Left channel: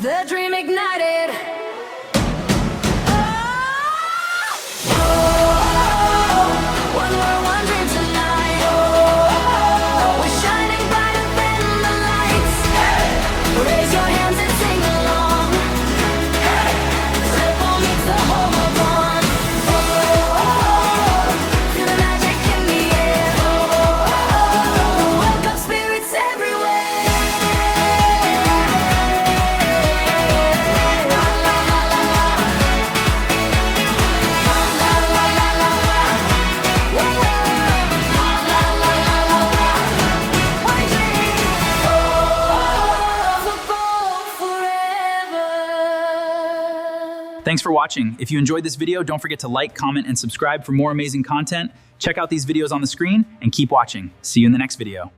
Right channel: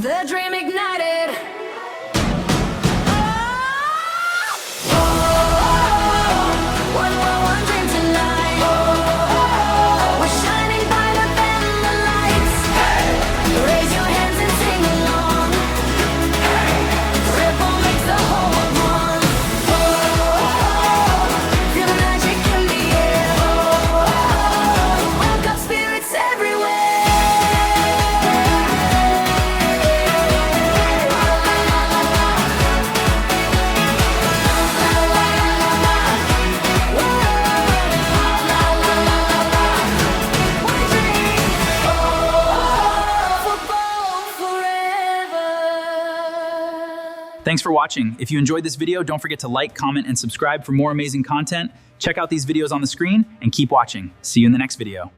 The dream ignited. One world, one dream tonight. We're shining brighter than the lights. Raise your hands and sing along. Triple makes the whole world one. Feel the magic in the air. The World Cup spirit's everywhere. Thanks for watching. If you enjoyed this video, don't forget to like, comment, and subscribe for more amazing content. Check out these videos on the screen and keep watching. See you in the next video.